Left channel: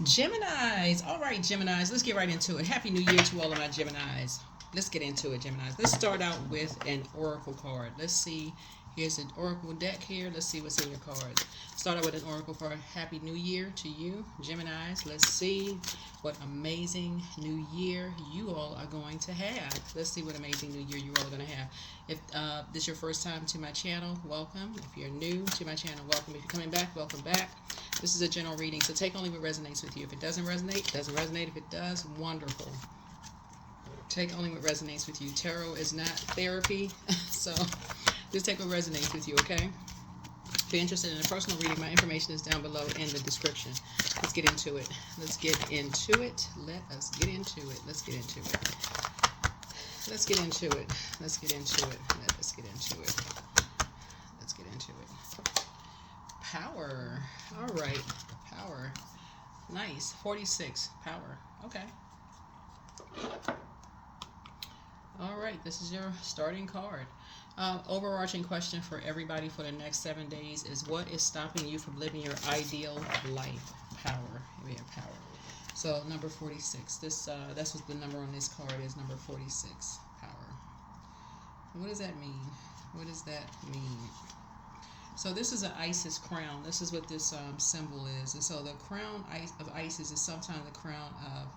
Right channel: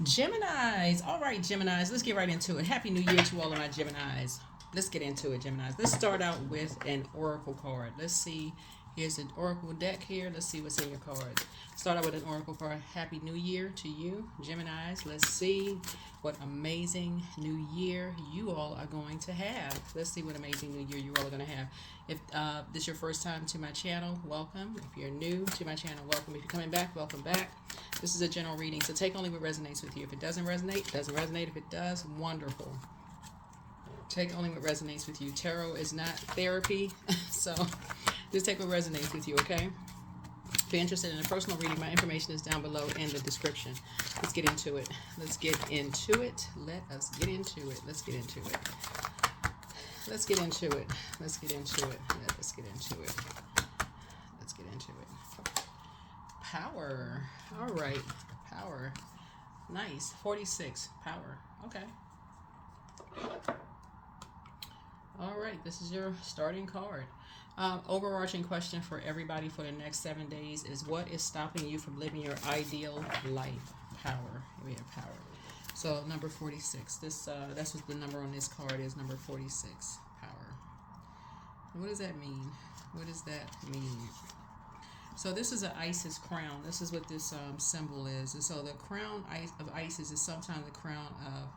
Geminis. All right, Geminis. Let's get right into it. Happy New Year to all of my Geminis. Let's get into it, Geminis. Let's start out with an oracle card. Let's see. Here's an oracle deck here. Let's see what's in your cards. Start out with an oracle card. Happy New Year to you, Geminis. Let's see what amazing new year you all are going to have. Let's see what amazing new year you all are going to have. If this is your first time to my channel, welcome. If you're new to my channel, welcome. If you're coming back, welcome back. This is a general reading, so take only what resonates with you. If it doesn't resonate, it doesn't resonate. If it does, wonderful. Take only what resonates with you. Tarot is not therapy, so just take what resonates with you, okay? If you're interested in a personal reading, my information is down below in the description. Let's get into it. Let's get into it. Let us get into it. Let's get into it. Let's get into it. Let's get into it. Let's get into it. Let's get into it. Power. All right. Power. Nice. 46. Power. Okay. All right. This is your starting card. Overarching question for everybody for the next 7 days is, what is stopping you from living your ideal life? Power. Here we have power. So number 46. That's what the number on this card is. Number 46. Power. What does that mean? What does that mean? So this is an Isis crown. This is what this symbol is. And so the crown of Isis is sometimes the crown of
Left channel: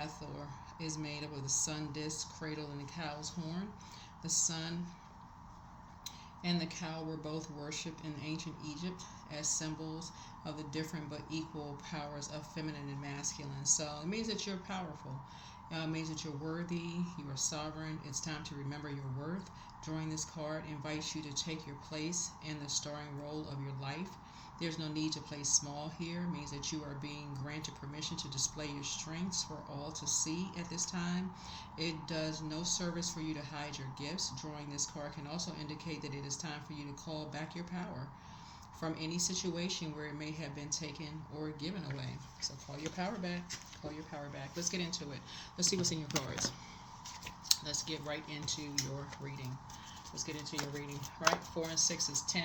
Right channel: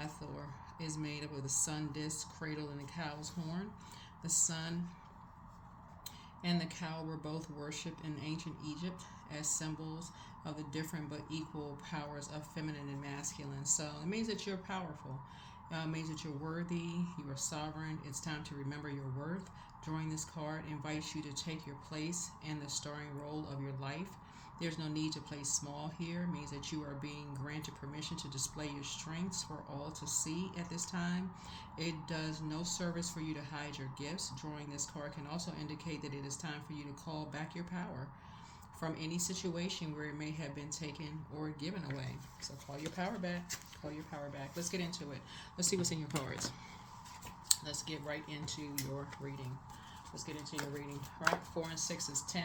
Hathor, is made up of the sun disk, cradle, and the cow's horn. The sun and the cow were both worshipped in ancient Egypt as symbols of the different but equal powers of feminine and masculine. So it means that you're powerful. It means that you're worthy, you are sovereign. It's time to remember your worth. Drawing this card invites you to take your place in the starring role of your life. There's no need to play small here. It means that you are being granted permission to display your strengths for all to see at this time. It does no service for you to hide your gifts. Drawing this card can also indicate that it is time for you to call back your power from any situation where it may have been taken or given away. So call your power back. Call your power back. Let's get into it. Let's see what's in your cards. Let's get right into your reading. Let's get into your reading. Right, 4 and 6 is 10.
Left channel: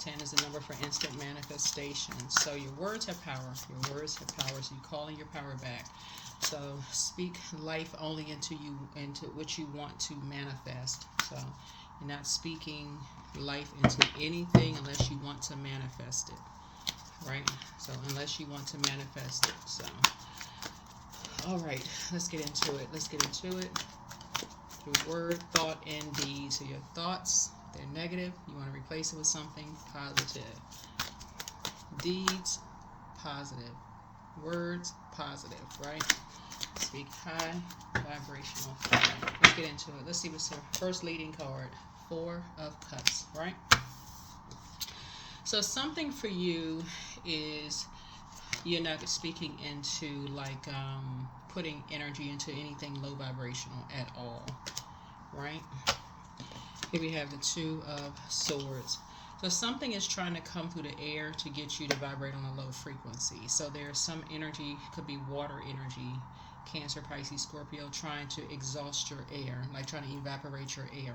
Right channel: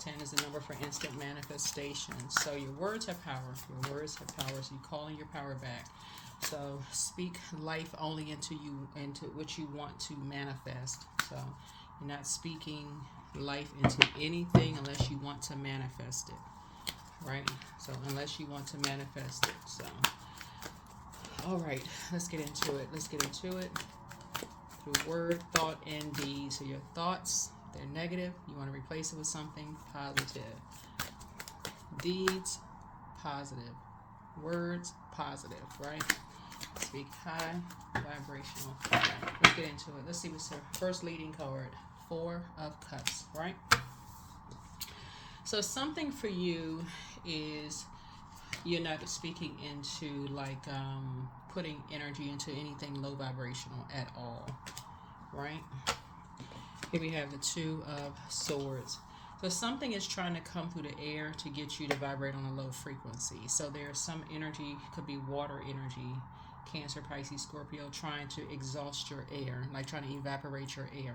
10 is the number for instant manifestation. So your words have power. Your words have power. So you're calling your power back. So speak life only into you, into what you want to manifest. So you're not speaking life into anything unless you want to manifest it. Right? So unless you want to manifest it. So all right, let's get into it. Let's get into it. Through word, thought, and deed. So your thoughts, if they're negative, you want to replace it with something positive. Deeds, positive. Words, positive, right? Speak high, vibrational. Let's get into it. Let's see what's the first leading card. 4 of Cups, right? So something for you is you're not speaking into like putting energy into anything low vibrational at all, right? Here we have the 2 of Swords. So something is trying to come through the air to get you to vibrate on a low frequency. So there's some energy, could be water energy, Cancer, Pisces, Scorpio, trying to exhaust your air, like trying to evaporate your air.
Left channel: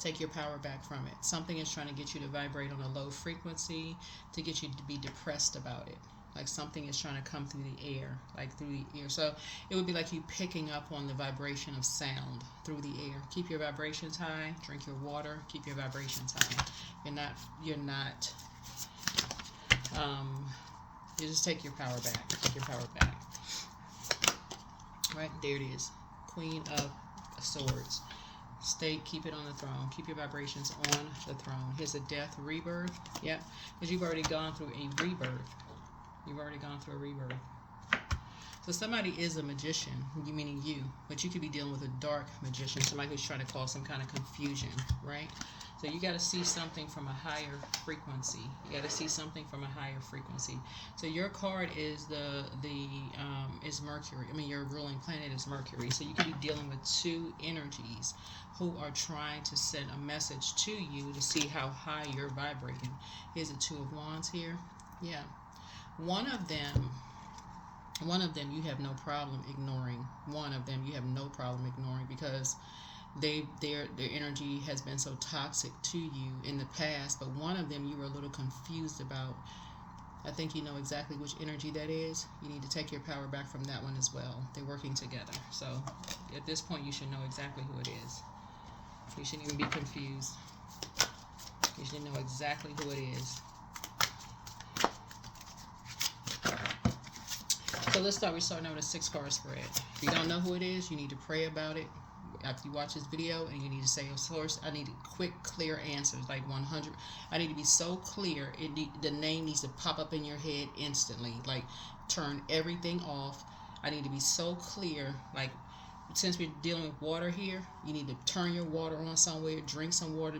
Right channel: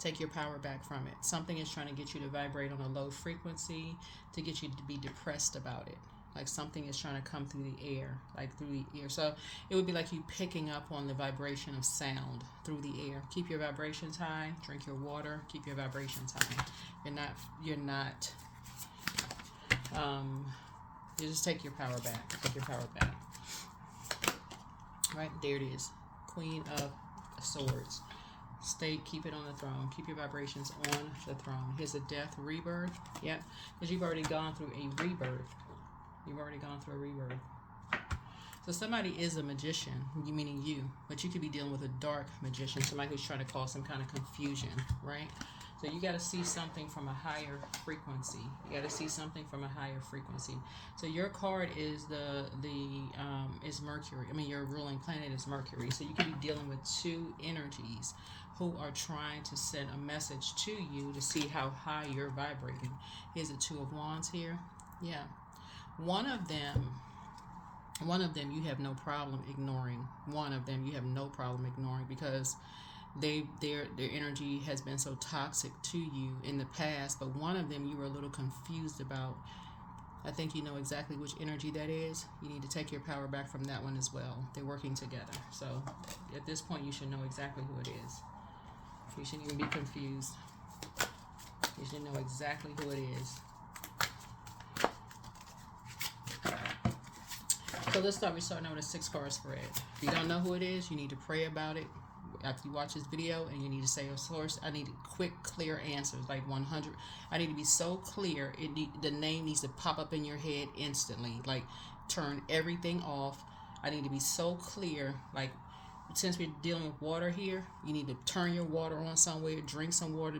Take your power back from it. Something is trying to get you to vibrate on a low frequency, to get you to be depressed about it. Like something is trying to come through the air, like through the ear. So it would be like you picking up on the vibration of sound through the air. Keep your vibrations high. Drink your water. Keep your vibrations high. You just take your power back. Take your power back. Right, there it is. Queen of Swords. Keep it on the throne. Keep your vibrations on the throne. Here's a death, rebirth. Yep, because you've already gone through a rebirth. You've already gone through a rebirth. So somebody is a magician, meaning you, but you could be dealing with a dark magician, somebody who's trying to cause some kind of confusion, right? So you got to see something from a higher frequency. You got to see something from a higher frequency. So your card is is Mercury. I mean, your ruling planet is Mercury. So you could be dealing with 2 energies who are trying to send a message to you to see how high you're vibrating. Here's the 2 of Wands here. Yeah. One of them you have no problem ignoring. One of them you have no problem ignoring because their energy has been so toxic to you in the past. But one of them you were a little confused about I think you know exactly which energy that is. You need to take your power back from that one as well. They're working together. So at this point, you should know exactly who it is. You shouldn't even be confused. You should know exactly who it is. So let's start. We're starting out with a 6-card spread. If you don't know who it is, you need to pray about it after you watch this video, and you need to say a source. I need quick, clear answers, like 100. I need to be so clear. The name needs to pop up in your head instantly. Like, turn everything off. I need to be so clear. Like, since we're dealing with water here, you need to turn your water on somewhere, drink some water,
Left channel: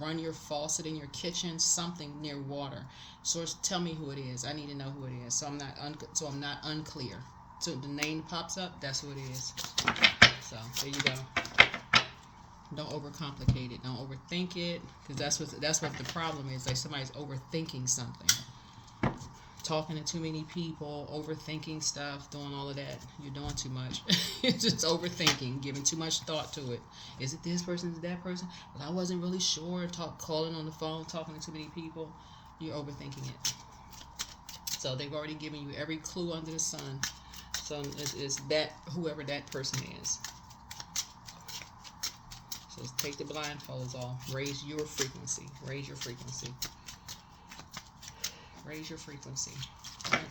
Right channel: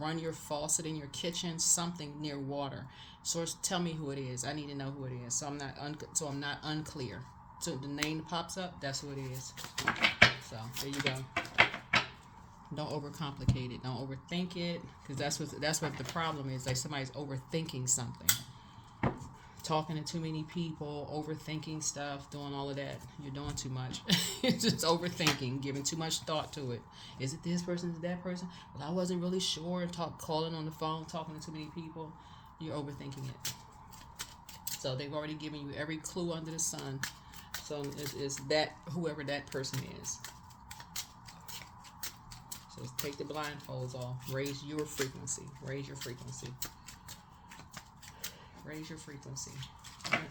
run your faucet in your kitchen, something near water. Source, tell me who it is. I need to know who it is, so I'm not unclear. So the name pops up, that's who it is. So there you go. Don't overcomplicate it. Don't overthink it, because that's what the problem is. Like, somebody's overthinking something, talking to too many people, overthinking stuff, doing all of that. You're doing too much. It's just overthinking, giving too much thought to it. Is it this person? Is it that person? Well, I wasn't really sure. Calling on the phone, talking to too many people. You're overthinking it. So they've already given you every clue under the sun. So it's that, whoever that person is. So take the blindfolds off. Raise your frequency. Raise your frequency. Raise your frequency. Right?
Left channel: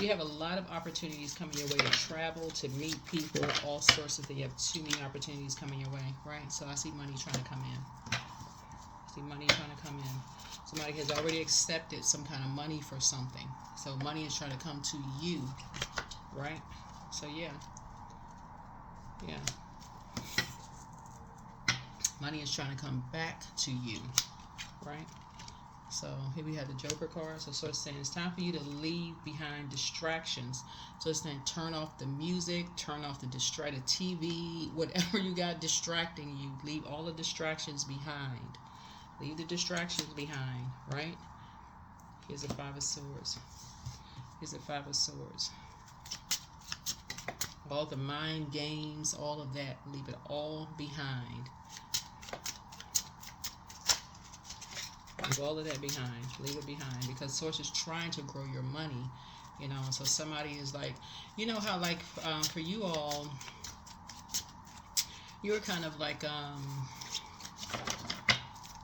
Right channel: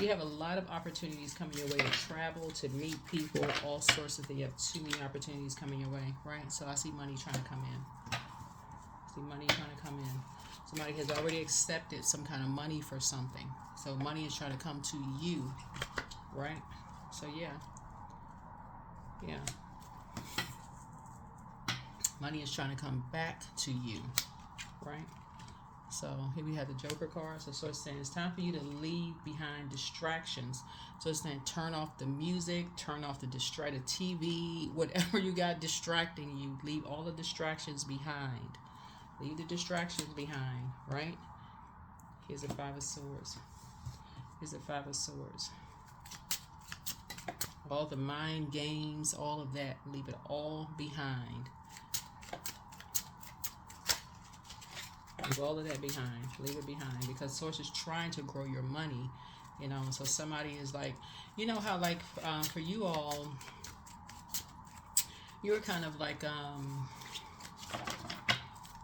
You have a lot of opportunities coming your way to travel, to meet people, all sorts of things. You have too many opportunities coming your way, right? So I see money trying to come in. I see money trying to come in. Somebody has already accepted some kind of money for something. So money is trying to come to you, right? So yeah. Money is trying to come back to you, right? So here we have the Joker card. So it's saying it's time for you to leave behind distractions. So it's saying turn off the music, turn off the TV, whatever you got distracting you. Leave all the distractions behind. Leave the distractions behind, right? Here's a 5 of Swords. Here's a 5 of Swords. All the mind games, all of that, leave it all behind. Leave all of that behind. Leave it behind, because Source is trying to grow your money, you know. So somebody is like, you know how like for you all, you're kind of like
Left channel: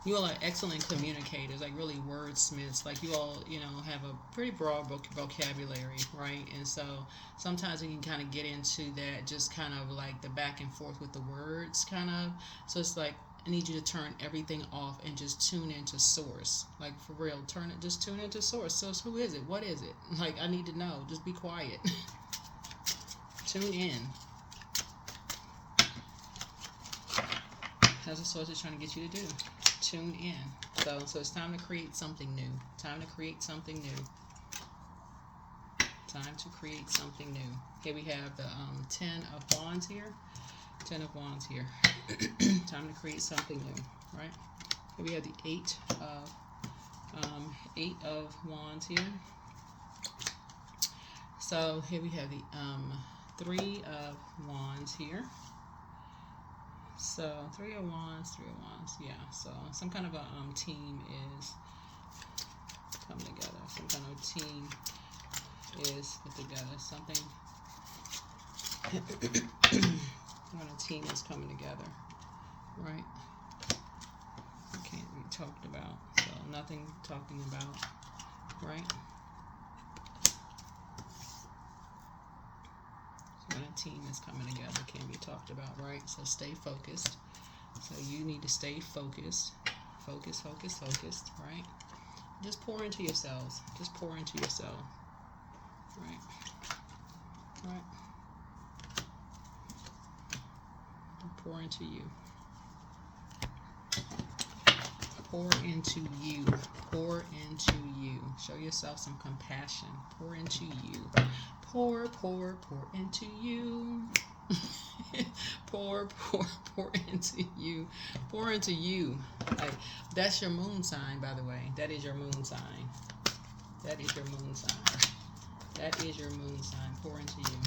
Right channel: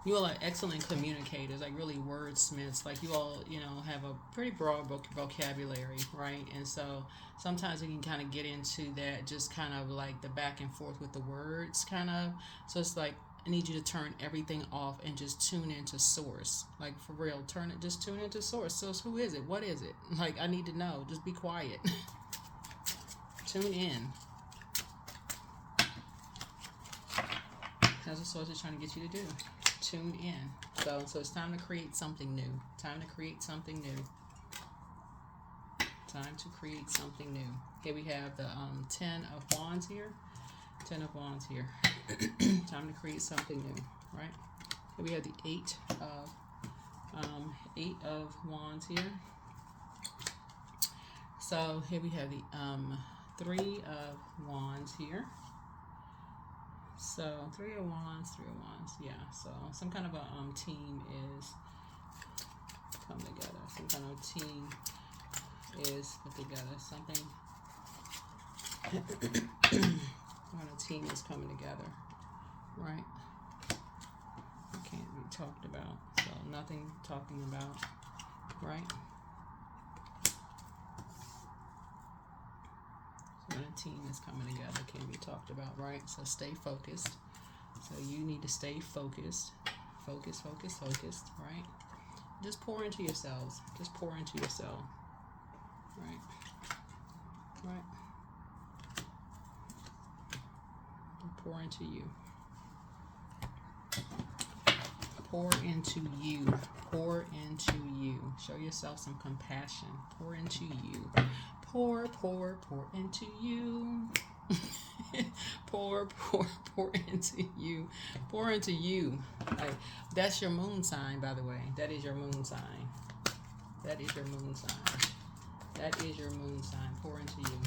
you all are excellent communicators, like really wordsmiths. Like you all, you know, have a pretty broad vocabulary, right? And so sometimes we can kind of get into that, just kind of like the back and forth with the words, kind of. So it's like, I need you to turn everything off and just tune into Source. Like, for real, just tune into Source. Source, who is it? What is it? Like, I need to know. Just be quiet. Tune in. That's what Source is trying to get you to do. Tune in. So it's time to create something new. Time to create something new. Time to create something new. Here we have the 10 of Wands here. 10 of Wands here. Time to create something new, right? Here we have the 8 of Wands here. So here we have the 3 of Wands here. So 3 of Wands, yeah. So some kind of a team is coming together. Some kind of a team is put together. Something. When a team is coming together, right? Can't be talked about. So nothing talking about, right? So when a team is coming together, can't be talked about, right? So stay focused. So you need to stay focused. Focused, right? Just pour into yourselves. Just pour into yourself. Right? Pour into you. Pour into you. Pour into you. Show yourself some compassion. Pour into you. Pour into you. pour into you. Pour into you. Like, that's your moon sign, by the way. That is your moon sign. That is your moon sign. That is your moon sign. Pour into you.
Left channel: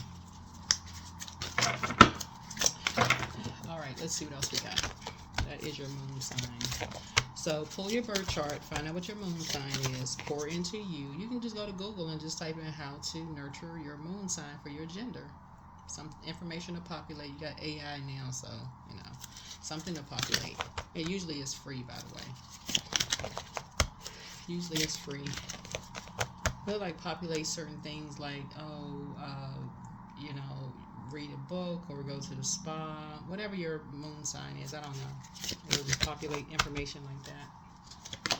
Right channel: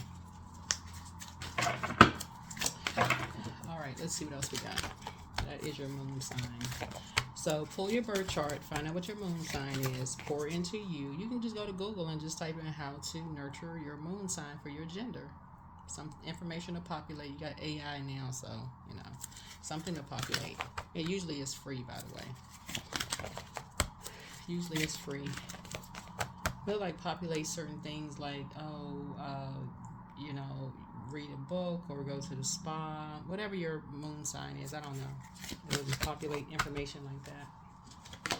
Alright, let's see what else we got. That is your moon sign. So pull your birth chart, find out what your moon sign is, pour into you. You can just go to Google and just type in how to nurture your moon sign for your gender. Some information to populate. You got AI now, so you know something to populate. It usually is free, by the way. Usually it's free. They'll like populate certain things like you know, read a book or go to the spa, whatever your moon sign is. I don't know. They'll just populate information like that.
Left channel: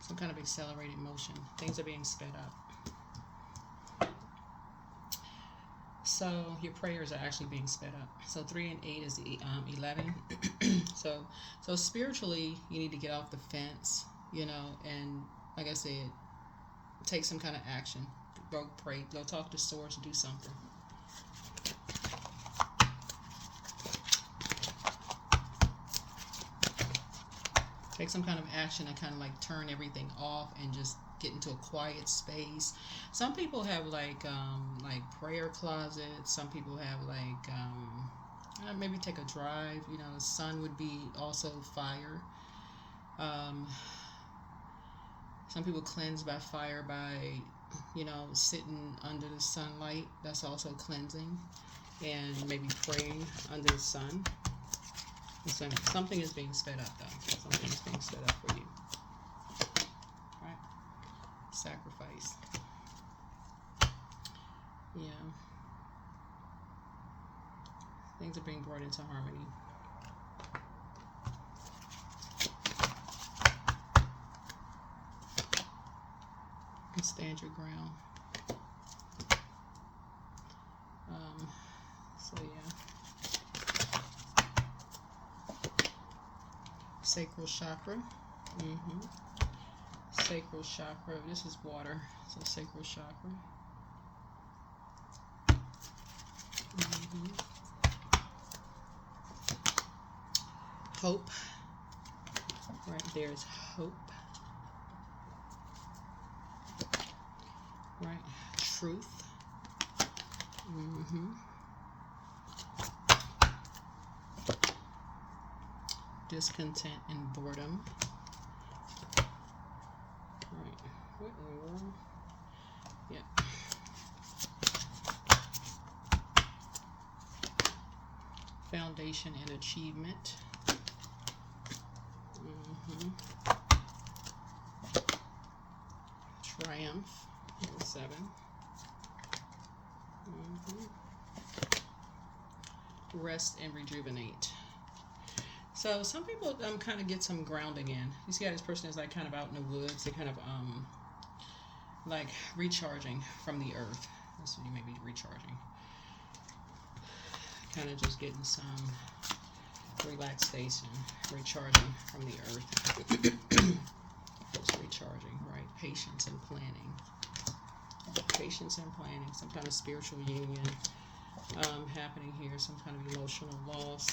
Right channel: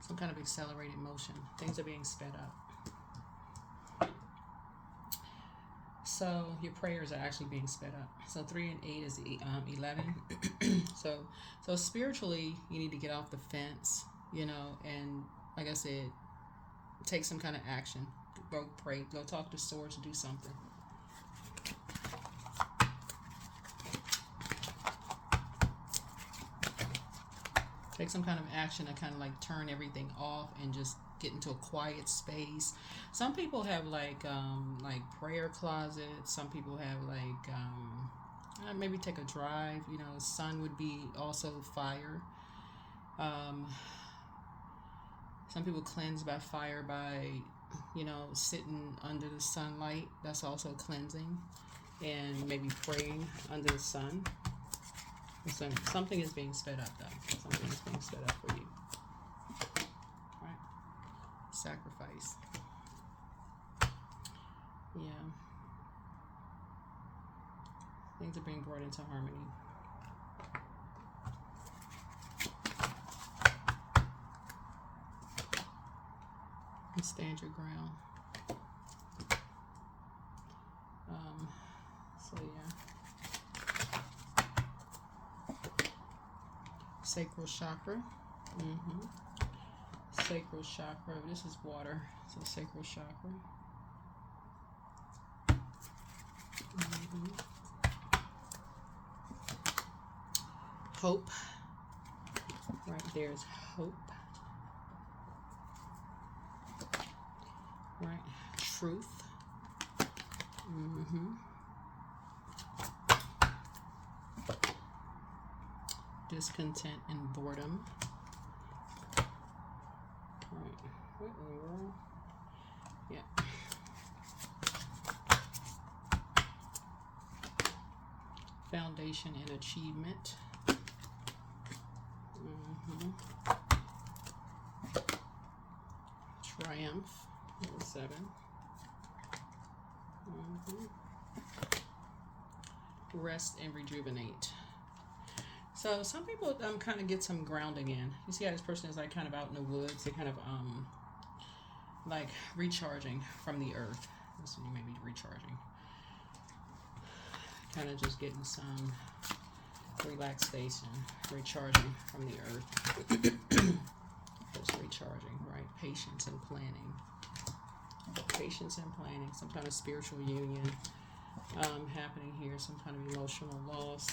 Some kind of accelerated motion. Things are being sped up. So your prayers are actually being sped up. So 3 and 8 is 11. so spiritually, you need to get off the fence, you know, and like I said, take some kind of action. Go pray. Go talk to source. Do something. Take some kind of action to kind of like turn everything off and just get into a quiet space. Some people have like prayer closets. Some people have like maybe take a drive. You know, sun would be also fire. Some people cleanse by fire by, you know, sitting under the sunlight. That's also cleansing. And maybe praying under the sun. So something is being sped up though. Something is being sped up for you. Right? Sacrifice. Yeah. Things are being brought into harmony. And stand your ground. So yeah. Sacral chakra. Sacral chakra. This is water. So sacral chakra. Hope. Right there is hope. Right. Truth. Discontent and boredom. Right. Yeah. Foundation and achievement. Triumph. 7. Rest and rejuvenate. So some people kind of get some grounding in. You see how this person is like kind of out in the woods. They're kind of like recharging from the earth. So you may be recharging. Kind of just getting some relaxation, recharging from the earth. Just recharging, right? Patience and planning. Patience and planning. Some kind of spiritual union happening here. Some kind of emotional loss.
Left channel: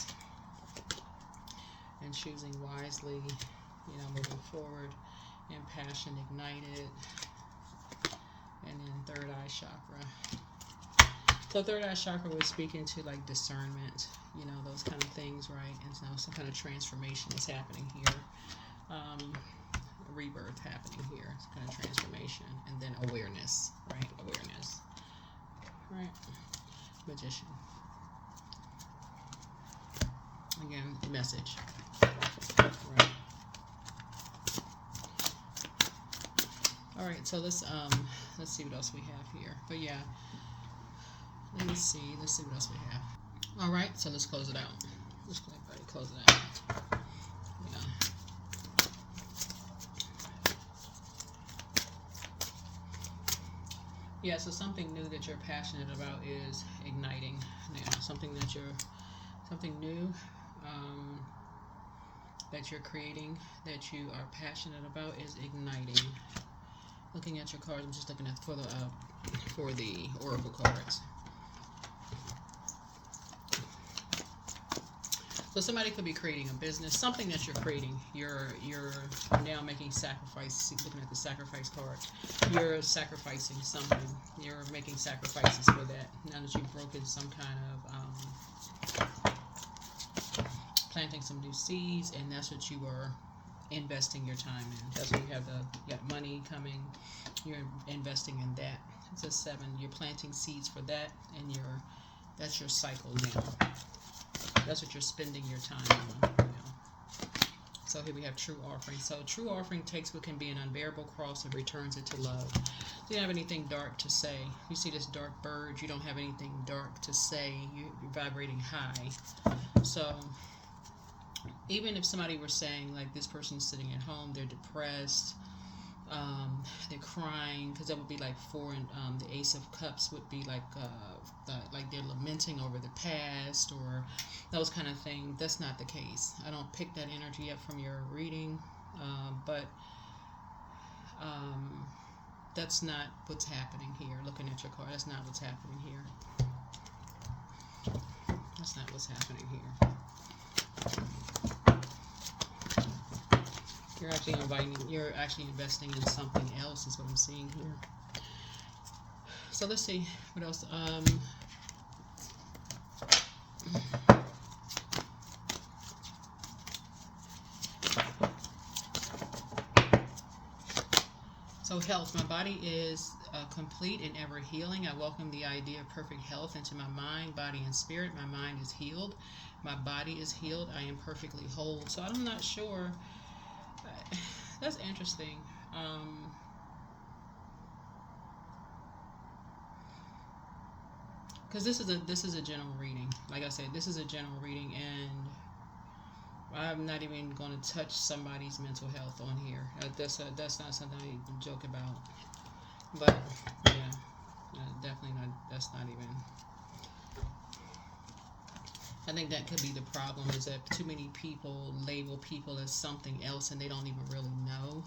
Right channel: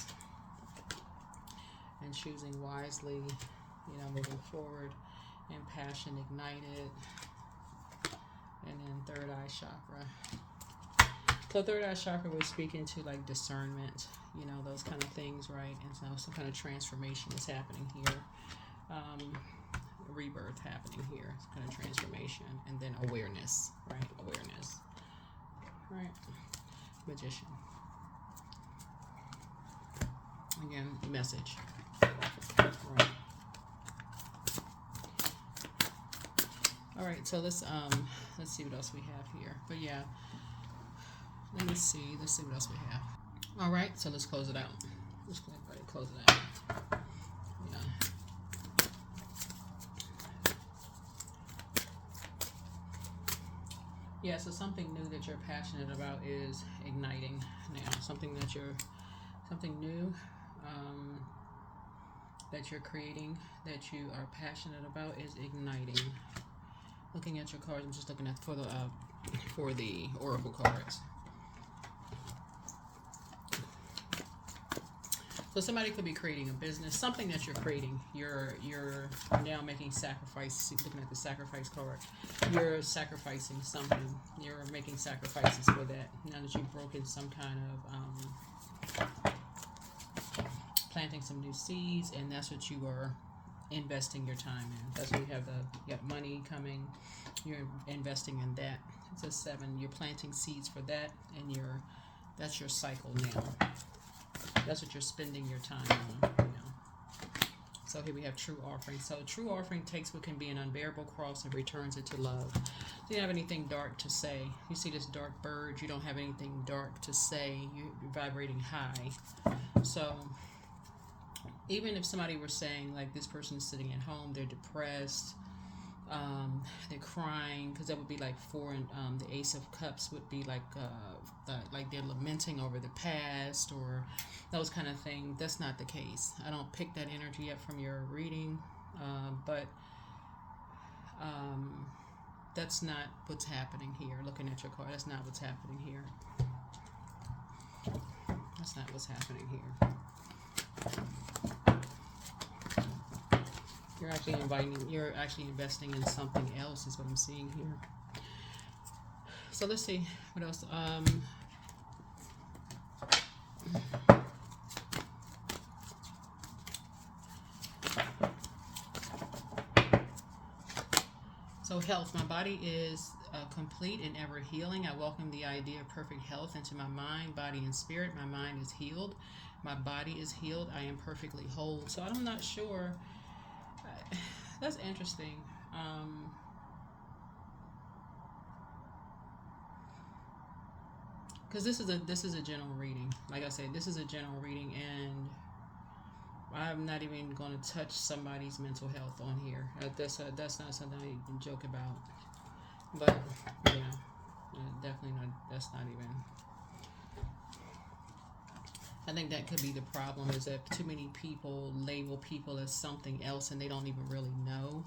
And choosing wisely, you know, moving forward, and passion ignited, and then third eye chakra. So third eye chakra was speaking to like discernment, you know, those kind of things, right? And so some kind of transformation is happening here, rebirth happening here, some kind of transformation, and then awareness, right? Awareness, right? Magician. Again, message. Right. All right, so let's see what else we have here. But yeah, let's see what else we have. All right, so let's close it out. Let's close it out. Yeah, so something new that you're passionate about is igniting now. Something new that you're creating, that you are passionate about, is igniting. Looking at your cards, I'm just looking at for the oracle cards. So somebody could be creating a business, something that you're creating. You're now making sacrifices. Looking at the sacrifice card, you're sacrificing something. You're making sacrifices for that. Now that you've broken some kind of planting some new seeds, and that's what you are investing your time in. That's when you have you got money coming. You're investing in that. It's a 7. You're planting seeds for that, and that's your cycle now. That's what you're spending your time on. So here we have true offering. So true offering takes what can be an unbearable cross and returns it to love. So you don't have anything dark to say. You see this dark bird, you don't have anything dark to say. You're vibrating high. So even if somebody were saying, like, this person's sitting at home, they're depressed, they're crying, because that would be like 4, and the Ace of Cups would be like they're lamenting over the past or those kind of things. That's not the case. I don't pick that energy up from your reading, but that's not what's happening here. Looking at your card, that's not what's happening here. That's not what's happening here. You're actually investing in something else, is what I'm seeing here. So let's see what else. So health, my body is complete and ever healing. I welcome the idea of perfect health into my mind, body, and spirit. My mind is healed. My body is healed. I am perfectly whole. So I'm not sure. That's interesting. Because this is a general reading. Like I said, this is a general reading, and I'm not even going to touch somebody's mental health on here. That's not something I can joke about. But yeah, definitely not. That's not even. I think that could be the problem, is that too many people label people as something else and they don't even really know,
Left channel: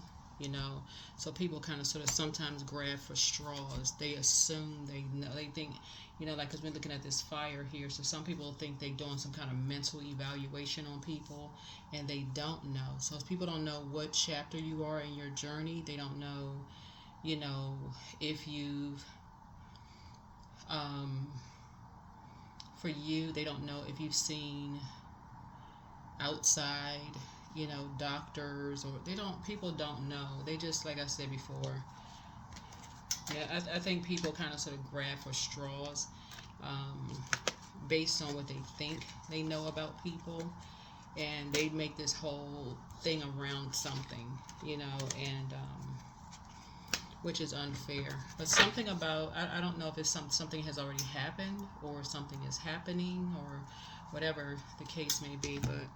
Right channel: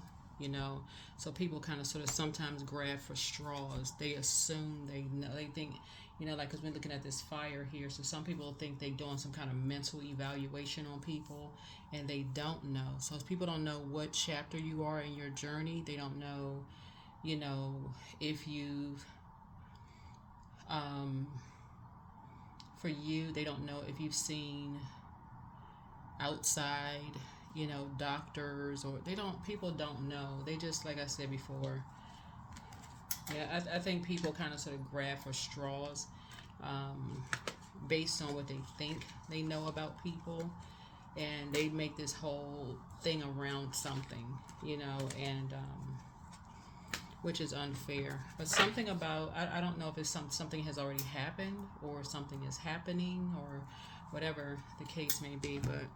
So people kind of sort of sometimes grab for straws. They assume they know. They think, like, because we're looking at this fire here. So some people think they're doing some kind of mental evaluation on people, and they don't know. So if people don't know what chapter you are in your journey, they don't know, if you've for you, they don't know if you've seen outside, doctors, or people don't know. They just, like I said before, I think people kind of sort of grab for straws based on what they think they know about people, and they make this whole thing around something, and which is unfair. But something about, I don't know if it's something has already happened or something is happening or whatever the case may be. But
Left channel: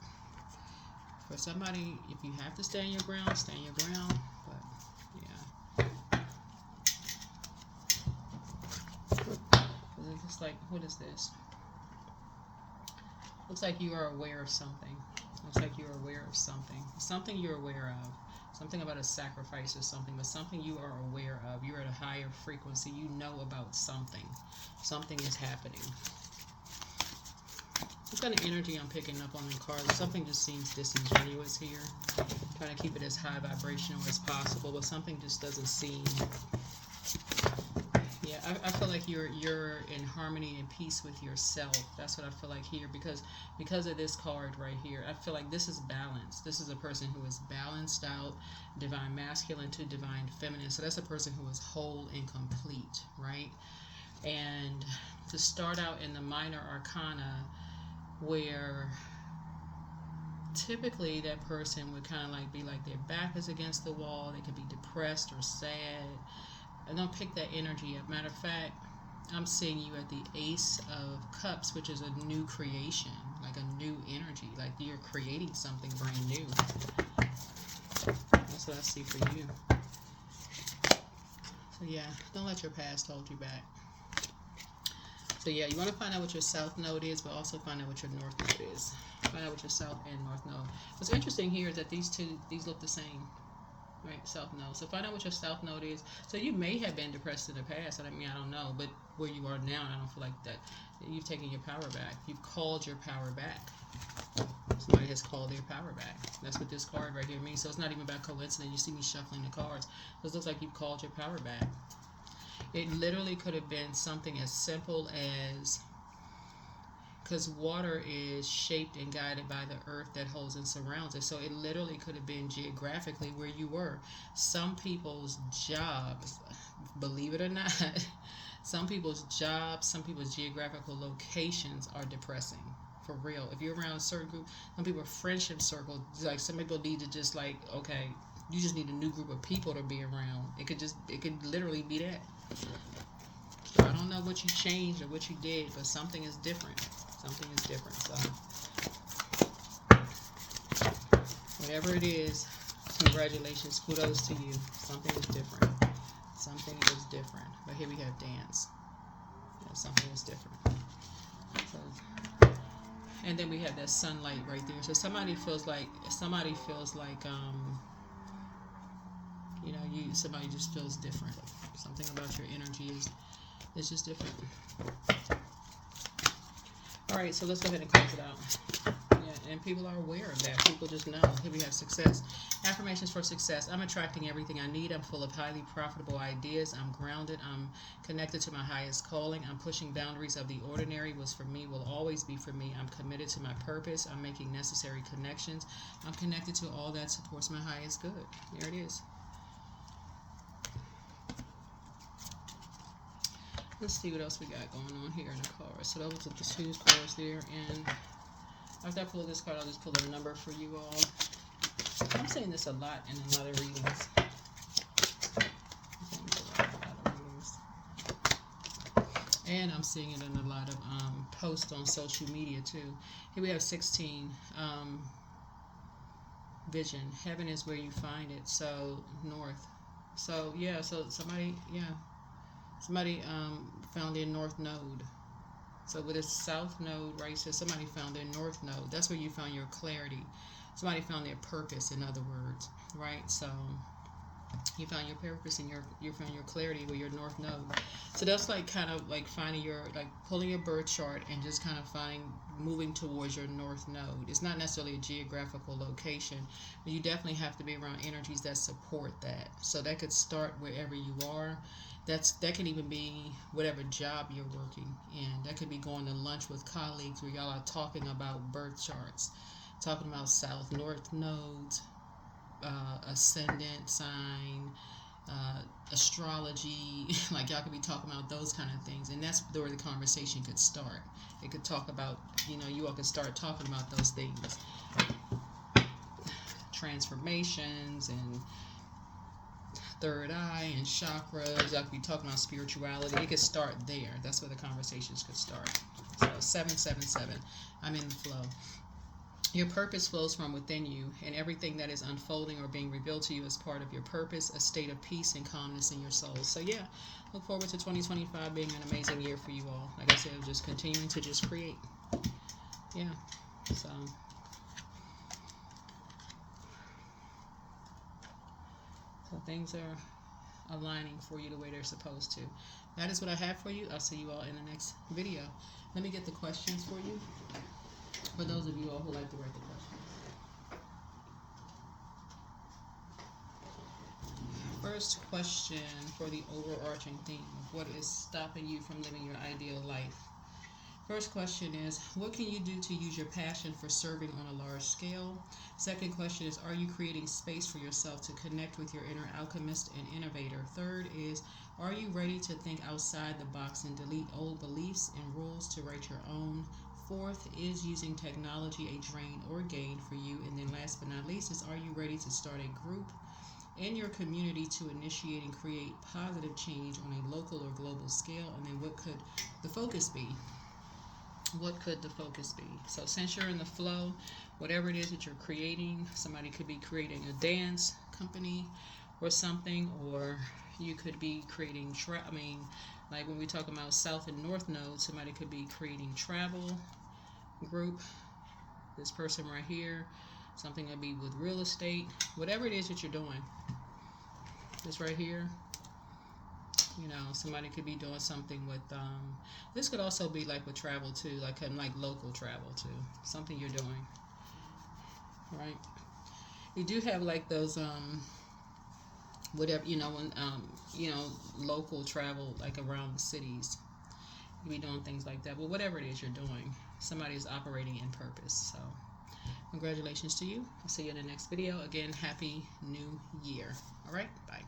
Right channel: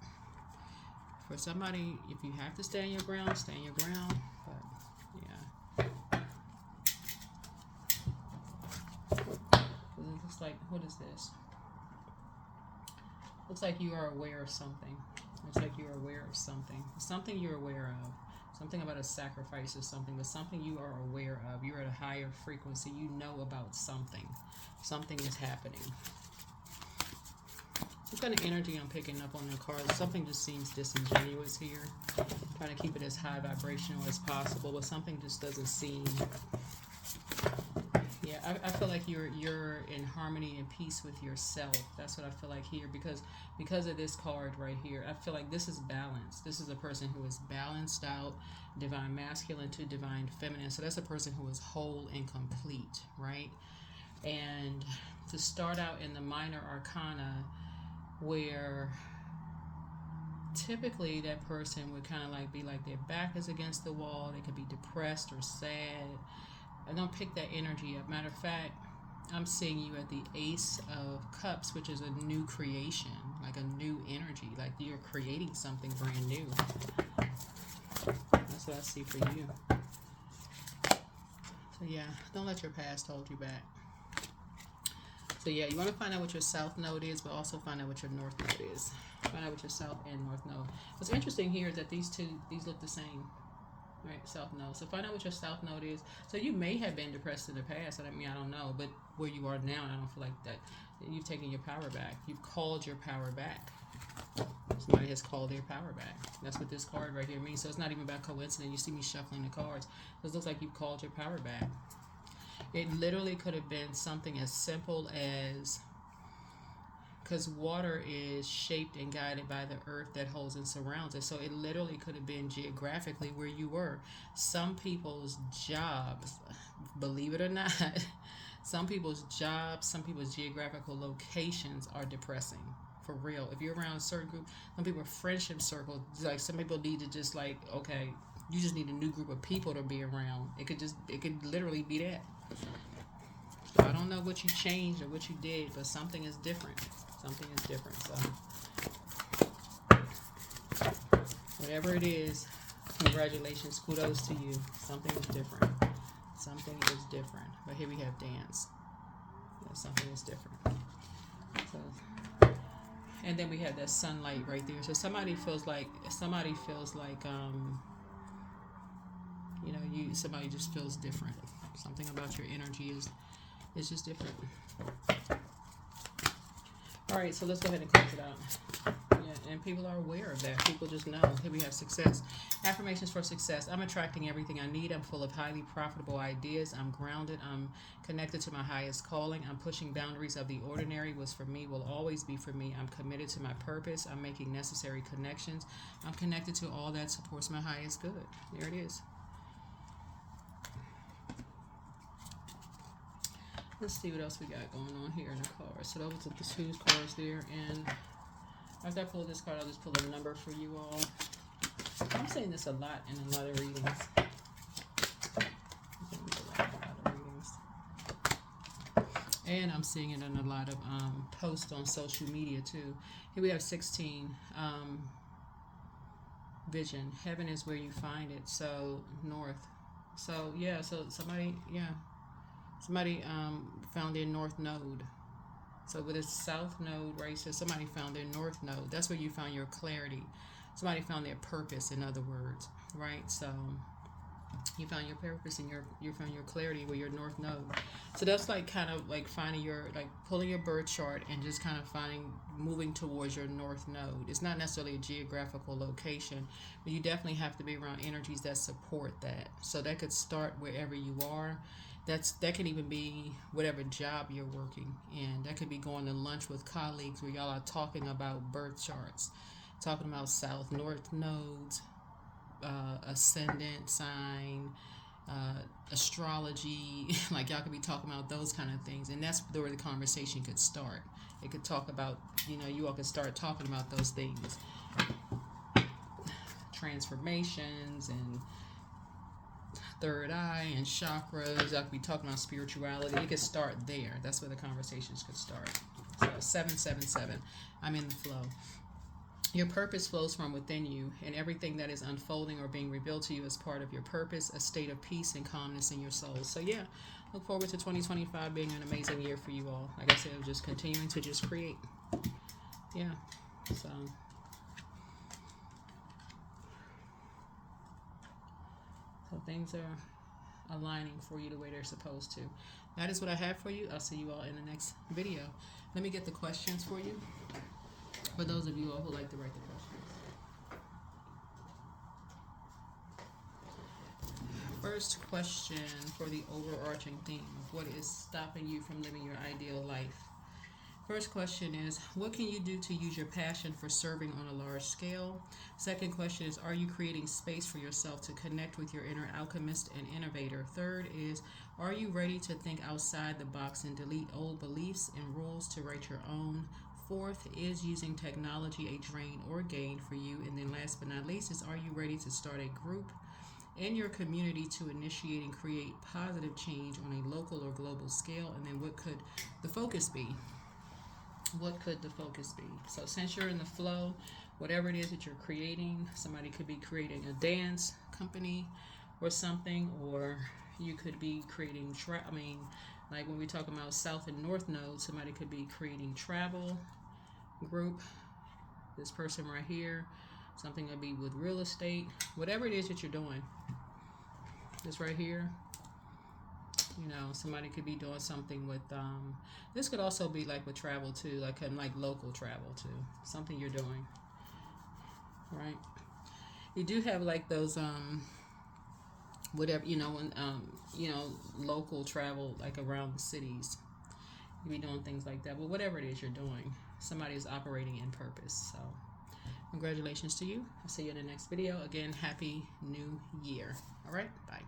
for somebody, if you have to stand your ground, stand your ground. But yeah. It looks like, what is this? Looks like you are aware of something. Looks like you're aware of something. Something you're aware of. Something about a sacrifice or something, but something you are aware of. You're at a higher frequency. You know about something. Something is happening. What kind of energy I'm picking up on the card? Something just seems disingenuous here. Trying to keep it as high vibrational as possible, but something just doesn't seem. Yeah, I feel like you're in harmony and peace with yourself. That's what I feel like here, because of this card right here. I feel like this is balance. This is a person who is balanced out, divine masculine to divine feminine. So that's a person who is whole and complete, right? And to start out in the minor arcana, where typically that person would kind of like be like their back is against the wall. They could be depressed or sad. I don't pick that energy up. Matter of fact, I'm seeing you at the Ace of Cups, which is a new creation, like a new energy, like you're creating something brand new. That's what I see for you. So yeah, don't let your past hold you back. So yeah, you want to find out what your south node is, but also find out what your north node is. Find out what your south and north node. What's interesting here is that these look the same. Right, south node. So find out what your south node is. So you may have been depressed in the past. I don't know. But where you are now, I don't feel like that. You've taken your power back. You've called your power back. Somebody has called their power back. That's what this card right here means. So it's not even about coincidence. You see me shuffling the cards. This looks like you've called your power back. It literally could have been something as simple as because water is shaped and guided by the earth that holds and surrounds us. So it literally could have been geographically where you were. Some people's jobs, believe it or not, some people's jobs, some people's geographical locations are depressing. For real. If you're around a certain group, some people friendship circle, like some people need to just like, okay, you just need a new group of people to be around. It could literally be that. So I don't know what you changed or what you did, but something is different. Something is different. So whatever it is, congratulations, kudos to you. Something is different. Something is different. But here we have dance. Yeah, something is different. So, and then we have that sunlight right there. So somebody feels like somebody just feels different. Something about your energy is just different. All right, so let's go ahead and close it out. Yeah, and people are aware of that. People just know. Here we have success. Affirmations for success. I'm attracting everything I need. I'm full of highly profitable ideas. I'm grounded. I'm connected to my highest calling. I'm pushing boundaries of the ordinary. What's for me will always be for me. I'm committed to my purpose. I'm making necessary connections. I'm connected to all that supports my highest good. There it is. Let's see what else we got going on here in the cards. So those are the two cards there, and after I pull this card, I'll just pull a number for you all. I'm saying this a lot in a lot of readings. And I'm seeing it in a lot of posts on social media too. Here we have 16. Vision. Heaven is where you find it. So north. So yeah. So somebody found their north node. So with a south node, right? So somebody found their north node. That's where you found your clarity. Somebody found their purpose, in other words, right? So you found your purpose and you found your clarity with your north node. So that's like kind of like finding pulling your birth chart and just kind of moving towards your north node. It's not necessarily a geographical location, but you definitely have to be around energies that support that. So that could start wherever you are. That can even be whatever job you're working in. That could be going to lunch with colleagues where y'all are talking about birth charts, talking about south, north nodes, ascendant sign, astrology. Like y'all could be talking about those kind of things, and that's where the conversation could start. It could talk about, you all could start talking about those things, transformations and third eye and chakras. I could be talking about spirituality. It could start there. That's where the conversations could start. So 777. I'm in the flow. Your purpose flows from within you, and everything that is unfolding or being revealed to you is part of your purpose, a state of peace and calmness in your soul. So yeah, look forward to 2025 being an amazing year for you all. Like I said, just continuing to just create. Yeah. So things are aligning for you the way they're supposed to. That is what I have for you. I'll see you all in the next video. Let me get the questions for you, for those of you all who like to write the questions. First question for the overarching theme: what is stopping you from living your ideal life? First question is, what can you do to use your passion for serving on a large scale? Second question is, are you creating space for yourself to connect with your inner alchemist and innovator? Third is, are you ready to think outside the box and delete old beliefs and rules to write your own? Fourth is, using technology a drain or gain for you? And then last but not least is, are you ready to start a group in your community to initiate and create positive change on a local or global scale? And then what could the focus be? What could the focus be? So since you're in the flow, whatever it is that you're creating, somebody could be creating a dance company or something, or you could be creating like when we talk about south and north nodes, somebody could be creating travel group. This person right here, something that be with real estate, whatever it is that you're doing. This right here, somebody could be doing something with this could also be like with travel too, like local travel too, something you're doing, right? You do have like those whatever, when local travel, like around the cities, you be doing things like that. But whatever it is you're doing, somebody is operating in purpose. So congratulations to you. I'll see you in the next video. Again, happy new year. All right, bye.